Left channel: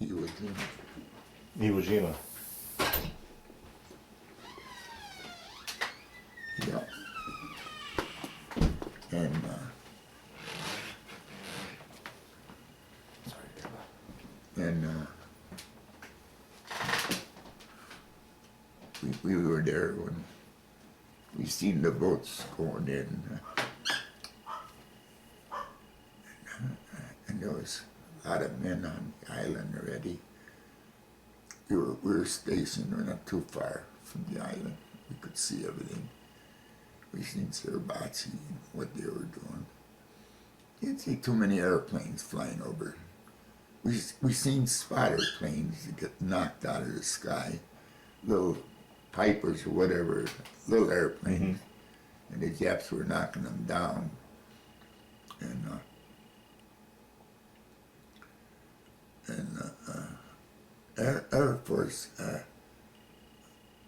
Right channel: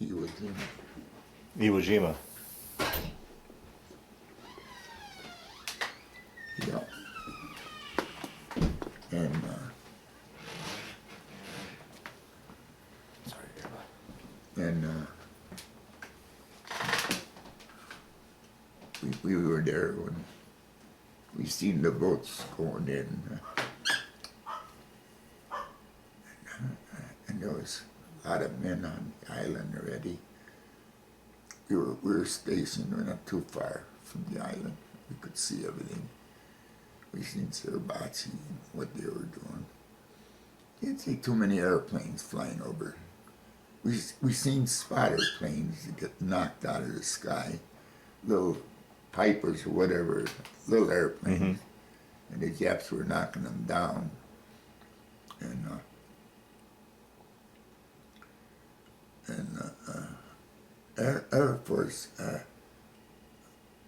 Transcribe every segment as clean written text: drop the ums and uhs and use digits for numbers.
Iwo Jima. Iwo Jima. Yeah. And we were there when we seen the boats going in. And there was a lot of men on the island already. We were stationed, we're not too far from the island. We could see everything. We seen Suribachi and what they were doing. You didn't see too many airplanes flying over. We seen spotter planes that get knocked out of the sky, little Pipers or whatever, little airplanes, and the Japs were knocking them down. And Air Force,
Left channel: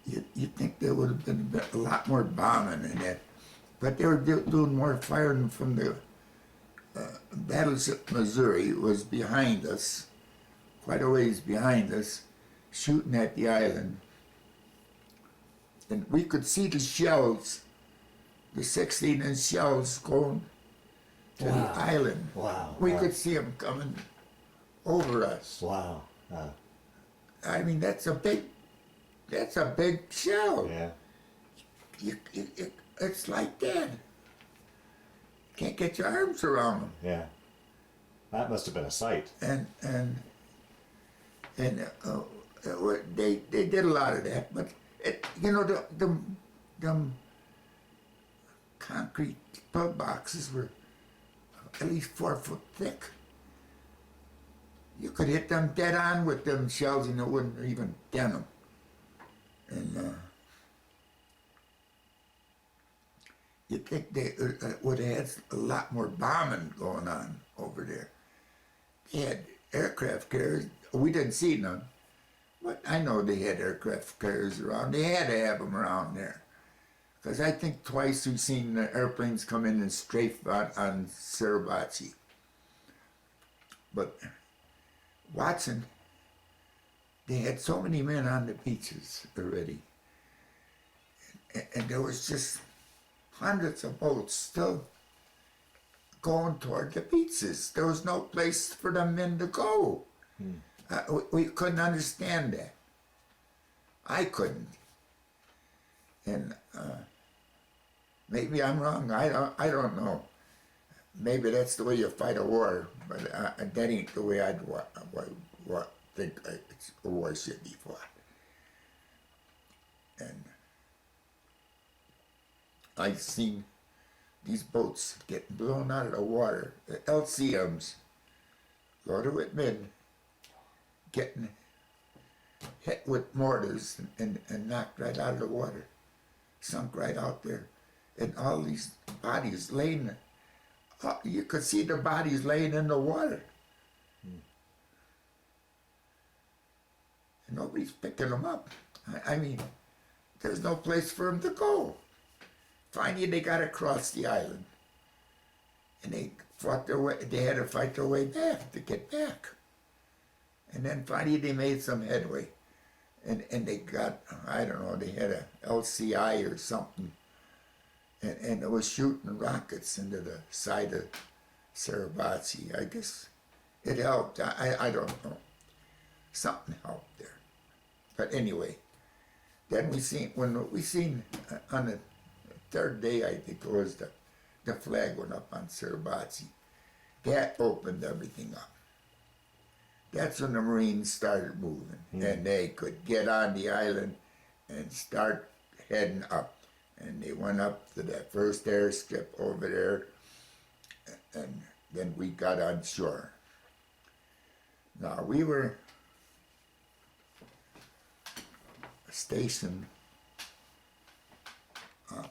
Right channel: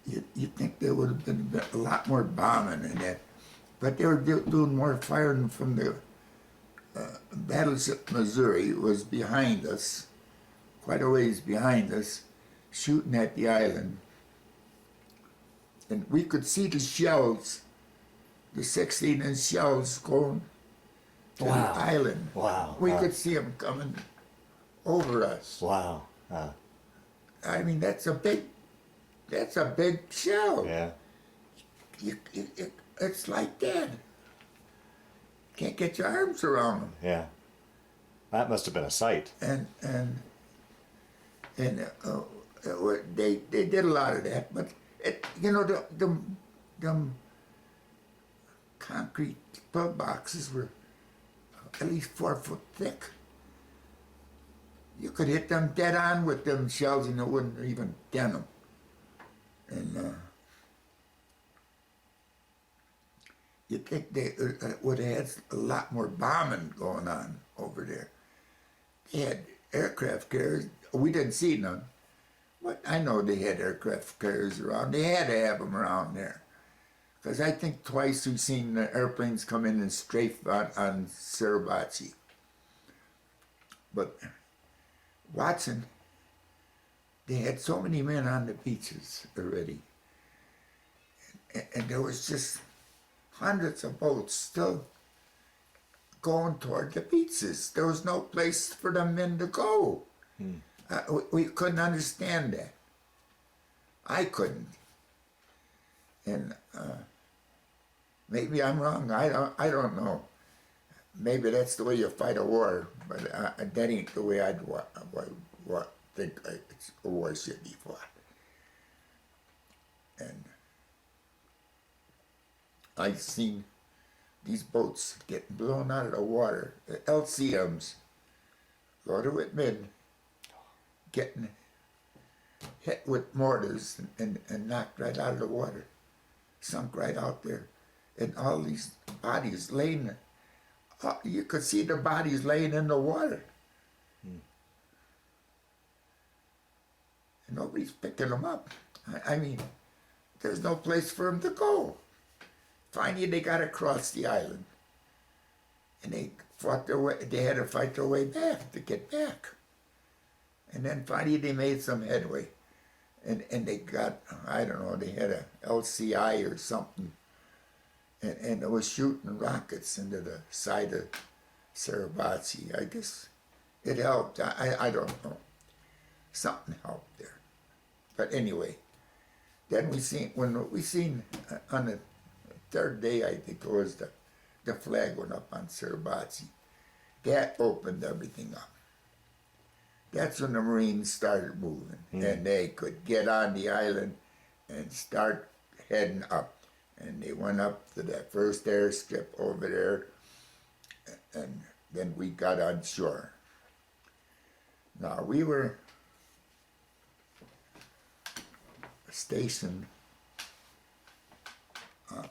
you'd think there would have been a lot more bombing in that, but they were doing more firing from the battleship Missouri was behind us, quite a ways behind us, shooting at the island. And we could see the shells, the 16-inch shells going to the island. Wow. We could see them coming over us. Wow. I mean, that's a big shell. Yeah. It's like that. Can't get your arms around them. Yeah. That must have been a sight. And they did a lot of that, but the concrete pillboxes were at least 4 foot thick. You could hit them dead on with them shells and it wouldn't even dent them. And you'd think they would have had a lot more bombing going on over there. They had aircraft carriers. We didn't see none, but I know they had aircraft carriers around. They had to have them around there. Because I think twice we've seen the airplanes come in and strafe on Suribachi. But Watson, they had so many men on the beaches already. And there was just hundreds of boats still going toward the beaches. There was no place for the men to go. We couldn't understand that. I couldn't. And maybe I'm wrong. I don't know. Maybe that's the way you fight a war, but that ain't the way I'd think a war should be fought. And I've seen these boats getting blown out of the water, the LCMs, go to Whitman, getting hit with mortars and knocked right out of the water, sunk right out there. And all these bodies laying there. You could see the bodies laying in the water. And nobody's picking them up. I mean, there's no place for them to go. Finally, they got across the island. And they fought their way, they had to fight their way back to get back. And then finally they made some headway. And they got, I don't know, they had a LCI or something. And it was shooting rockets into the side of Suribachi. I guess it helped. I don't know. Something helped there. But anyway, then when we seen on the third day, I think it was, the flag went up on Suribachi. That opened everything up. That's when the Marines started moving, and they could get on the island and start heading up. And they went up to that first airstrip over there, and then we got on shore. Now, we were stationed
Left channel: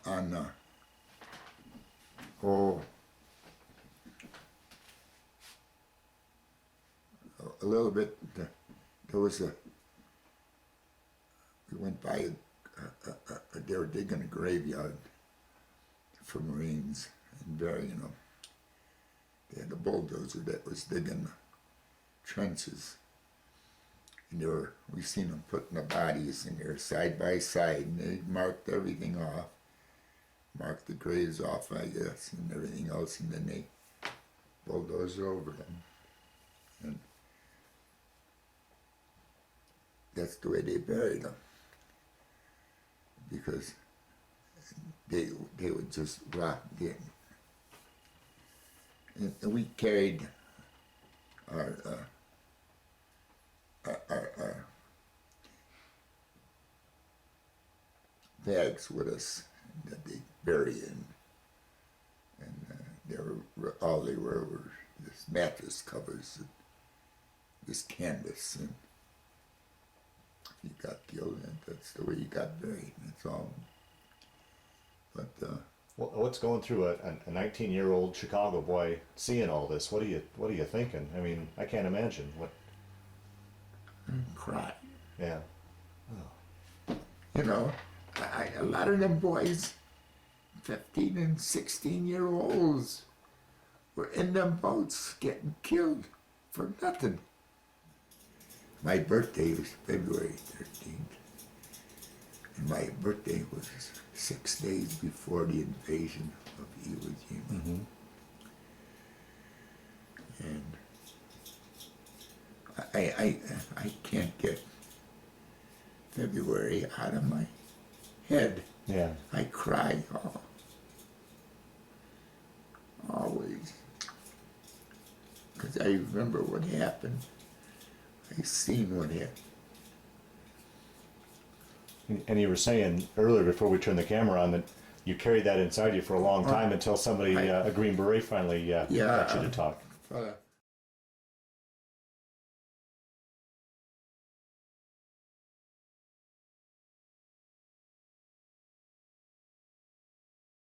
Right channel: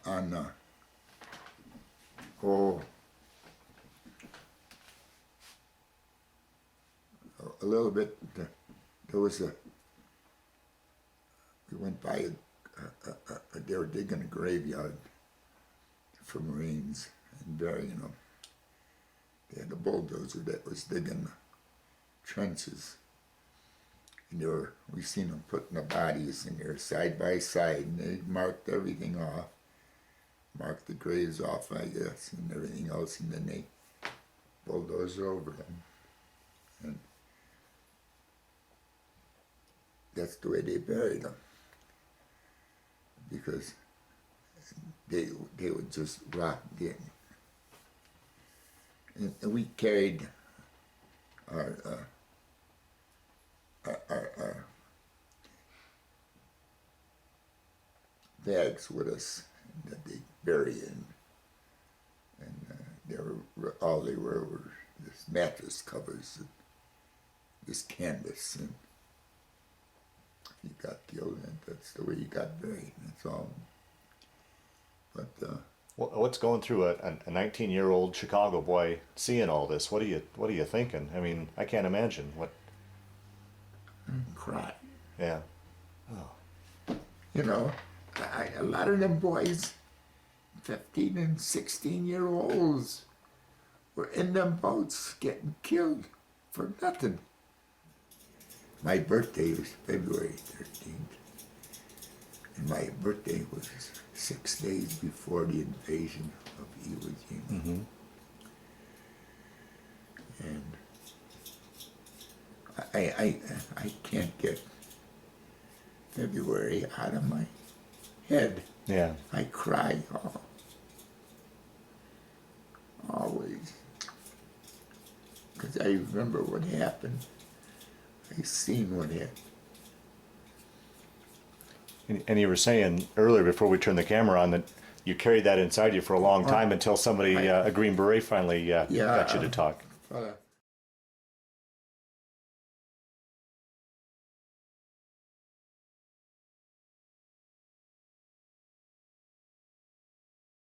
on the whole, a little bit, there was we went by they were digging a graveyard for Marines and burying them. They had a bulldozer that was digging the trenches. And we seen them putting the bodies in there side by side, and they marked everything off. Marked the graves off, I guess, and everything else, and then they bulldozer over them. And that's the way they buried them. Because they would just rot in. And we carried our bags with us that they bury in, and all they were this mattress covers and this canvas, and if you got killed, that's the way you got buried. That's all. But What's going through a 19-year-old Chicago boy seeing all this? What are you thinking? I mean, I can't imagine what. Cry. Yeah. You know, a lot of them boys, 15 and 16-year-olds, were in them boats getting killed for nothing. My birthday was February 13th, and my birthday was 6 days before the invasion of Iwo Jima. Mm-hmm. And I can't get February out of my head. Yeah. I cry always, because I remember what happened. I seen what happened. And you were saying earlier before we turned the camera on that you carried that inside you for a long time until somebody, a Green Beret, finally got you to talk.